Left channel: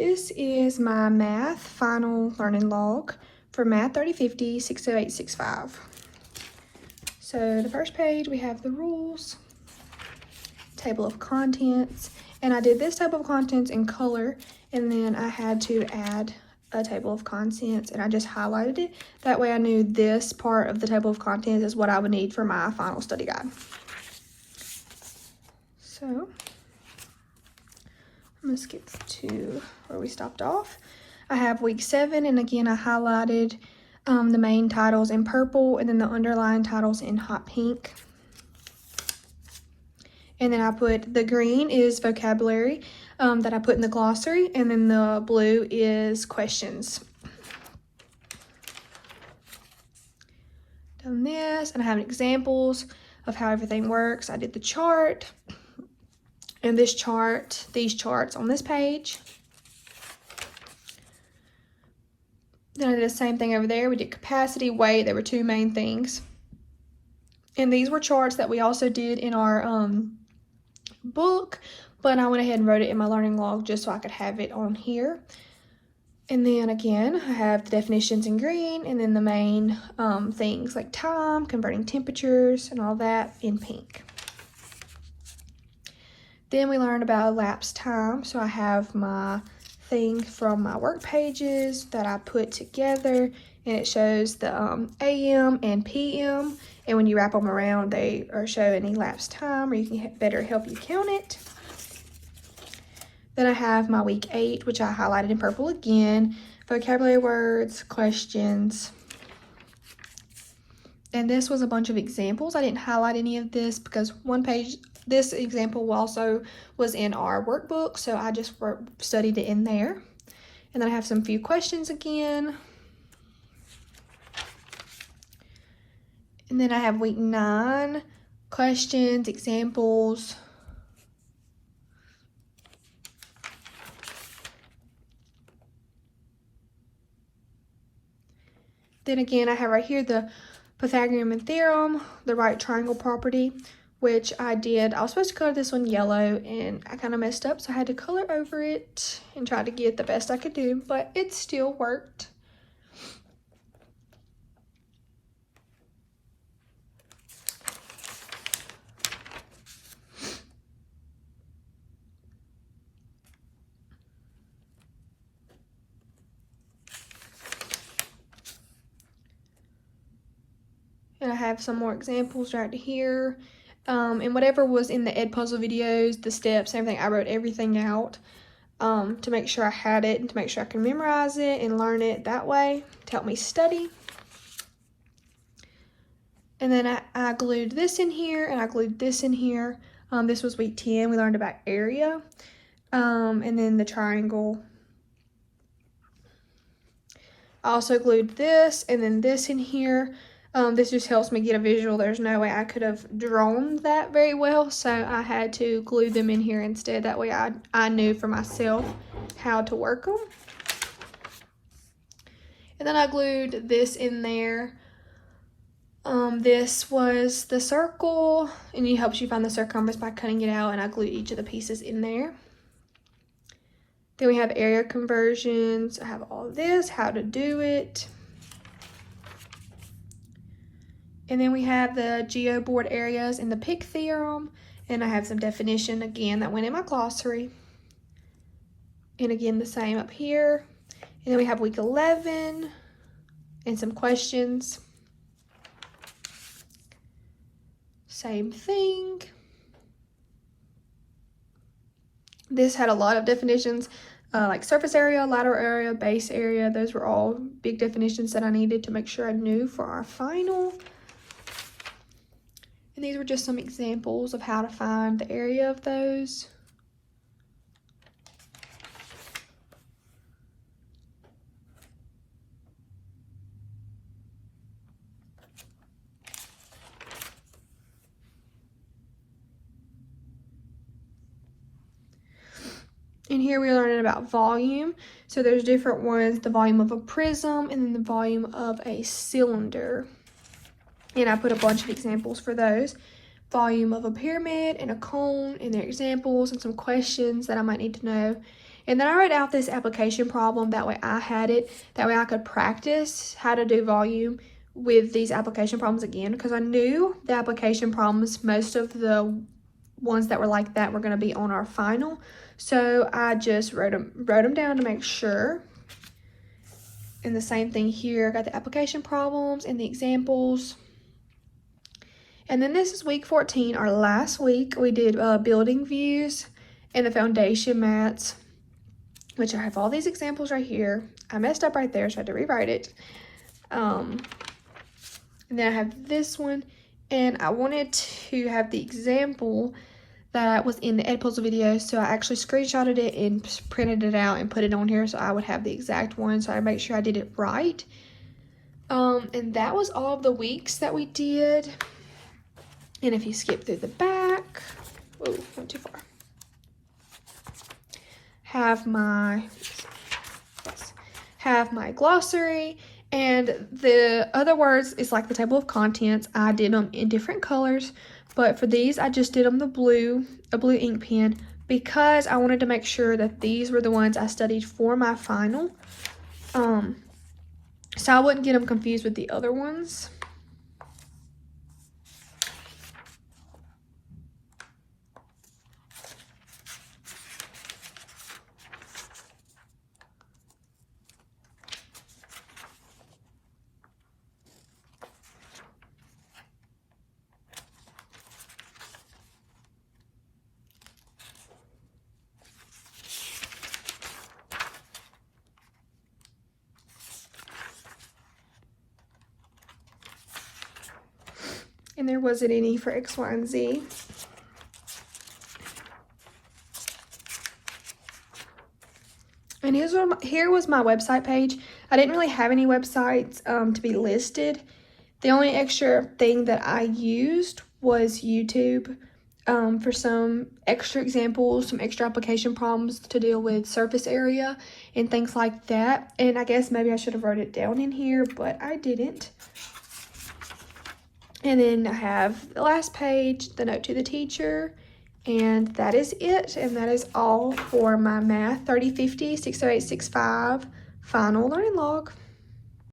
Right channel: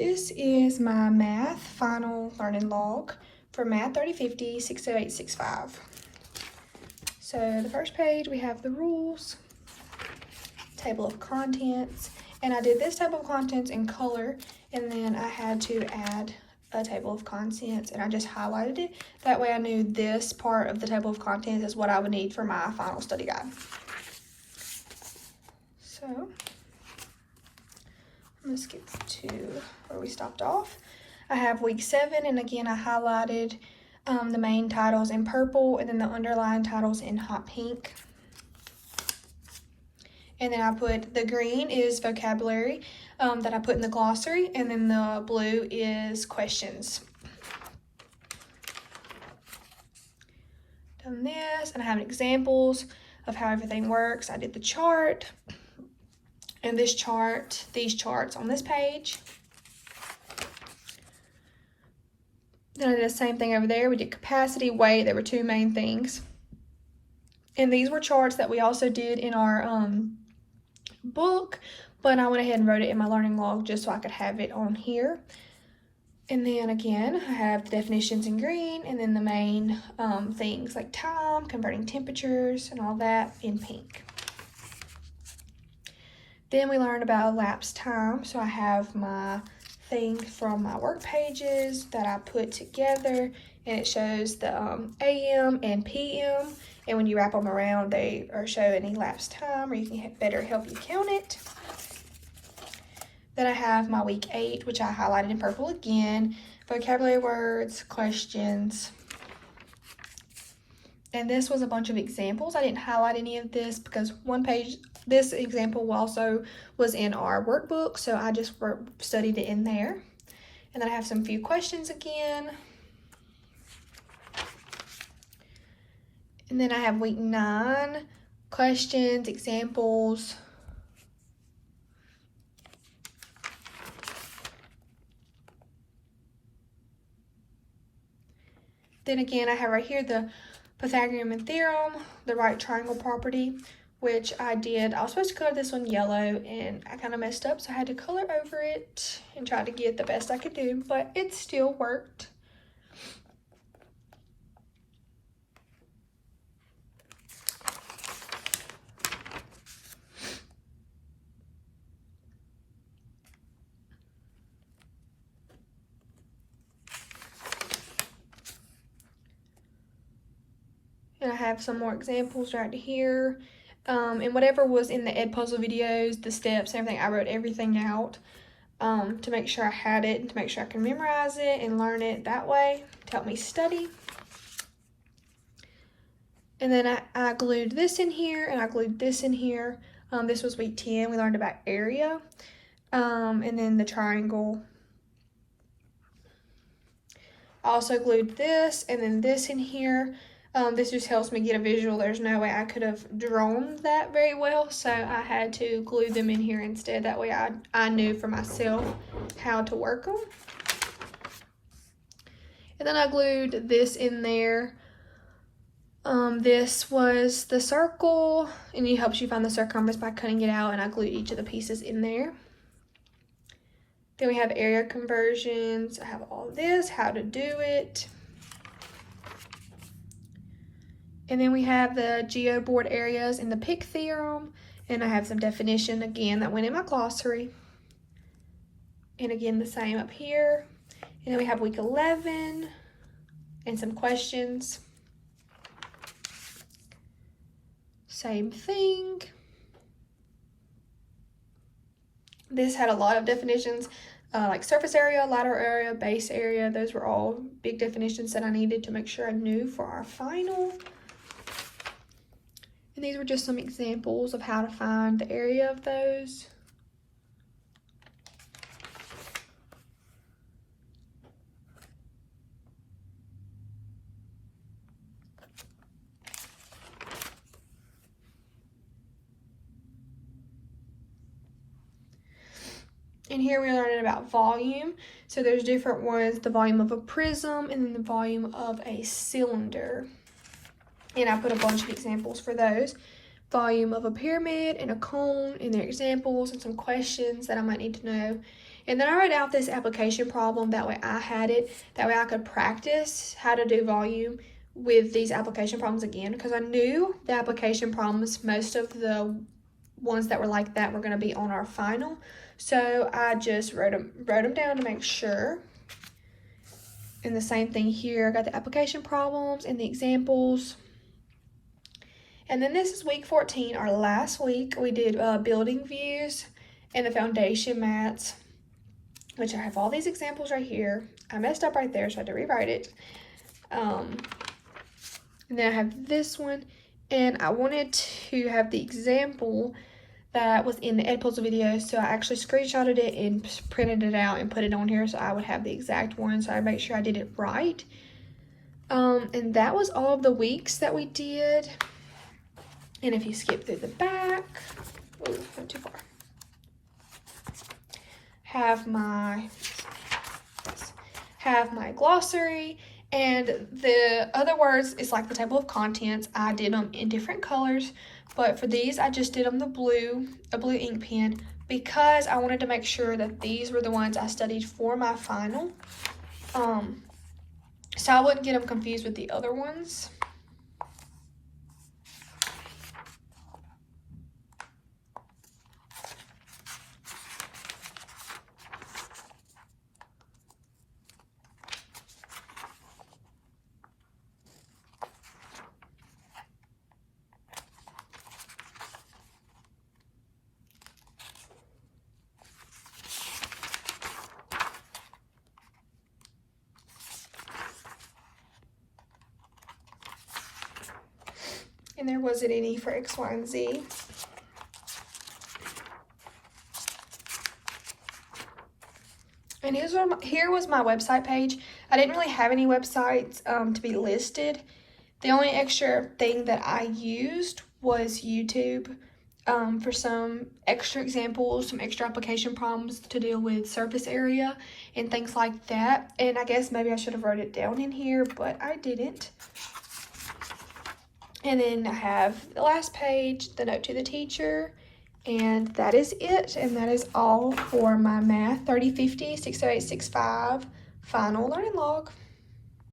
This is my math final learning log for Math 3050 60865. So the first page we have the rules, table of contents, and I did this table of contents in color, and then I had to add a table of contents, and I just highlighted it. That way I knew this part of the table of contents is what I would need for my final study guide. So let's get to where we stopped off. I have week 7, and again I highlighted the main titles in purple and then the underlying titles in hot pink. And then I put the green is vocabulary that I put in the glossary, and then the blue is questions. Done this, and I have examples of how everything works. I did the chart, and this chart, these charts on this page. Then I did the same thing over there. We did capacity, weight. There were 2 main things. And these were charts that we also did in our book, but I went ahead and wrote it in my learning log just so I could have it on here. And then again, I have the definitions in green, and then the main things like time, converting temperatures, and all that in pink. Then we learned about elapsed time, so I have my things from my work pages that I put together, and it shows the AM and PM, and when you wrap them around, they are showing elapsed time, or you can better help you count it. Then I have my week 8, which I highlighted in purple again, vocabulary words, questions. And this was a bunch of examples. I didn't highlight any of this because one page, this example also was in our workbook, so I just studied it in there. And then I have some few questions again. And then I have week 9, questions, examples. Then again, I have right here the Pythagorean theorem, the right triangle property, which I did. I was supposed to color this one yellow, and I kind of messed up, so I had to color over it and try to get the best I could do, but it still worked. And I have some more examples right here. And whatever was in the Edpuzzle videos, the steps, everything, I wrote everything out to make sure I had it and to make sure I can memorize it and learn it that way to help me study. And then I glued this in here, and I glued this in here. This was week 10. We learned about area. And then the triangle. I also glued this and then this in here. This just helps me get a visual. There's no way I could have drawn that very well, so I had to glue them in here instead. That way I knew for myself how to work them. And then I glued this in there. This was the circle, and it helps you find the circumference by cutting it out, and I glued each of the pieces in there. Then we have area conversions. I have all this, how to do it. And then we have the geoboard areas and the pick theorem. And I have some definition again that went in my glossary. And again, the same up here. And then we have week 11 and some questions. Same thing. This had a lot of definitions, like surface area, lateral area, base area. Those were all big definitions that I needed to make sure I knew for our final. And these were just some examples of how to find the area of those. And here we're learning about volume. So there's different ones, the volume of a prism and then the volume of a cylinder. And I put a bunch of examples for those. volume of a pyramid and a cone and their examples and some questions that I might need to know. And then I wrote out this application problem, that way I had it, that way I could practice how to do volume with these application problems again, because I knew the application problems, most of the ones that were like that were going to be on our final. So I just wrote them down to make sure. And the same thing here, I got the application problems and the examples. And then this is week 14, our last week. We did building views and the foundation mats, which I have all these examples right here. I messed up right there, so I had to rewrite it. And then I have this one, and I wanted to have the example that was in the Edpuzzle video, so I actually screenshotted it and printed it out and put it on here so I would have the exact one, so I make sure I did it right. And that was all of the weeks that we did. And if you skip through the back, oh, went too far. Have my glossary, and the other words is like the table of contents. I did them in different colors, but for these I just did them a blue ink pen, because I wanted to make sure that these were the ones I studied for my final, so I wouldn't get them confused with the other ones. And there wasn't any for X, Y, and Z. And here was my website page. I didn't really have any websites to be listed. The only extra thing that I used was YouTube for some extra examples, some extra application problems to deal with surface area and things like that. And I guess maybe I should have wrote it down in here, but I didn't. And then I have the last page, the note to the teacher, and that is it. And that is all for my Math 3050 60865 final learning log.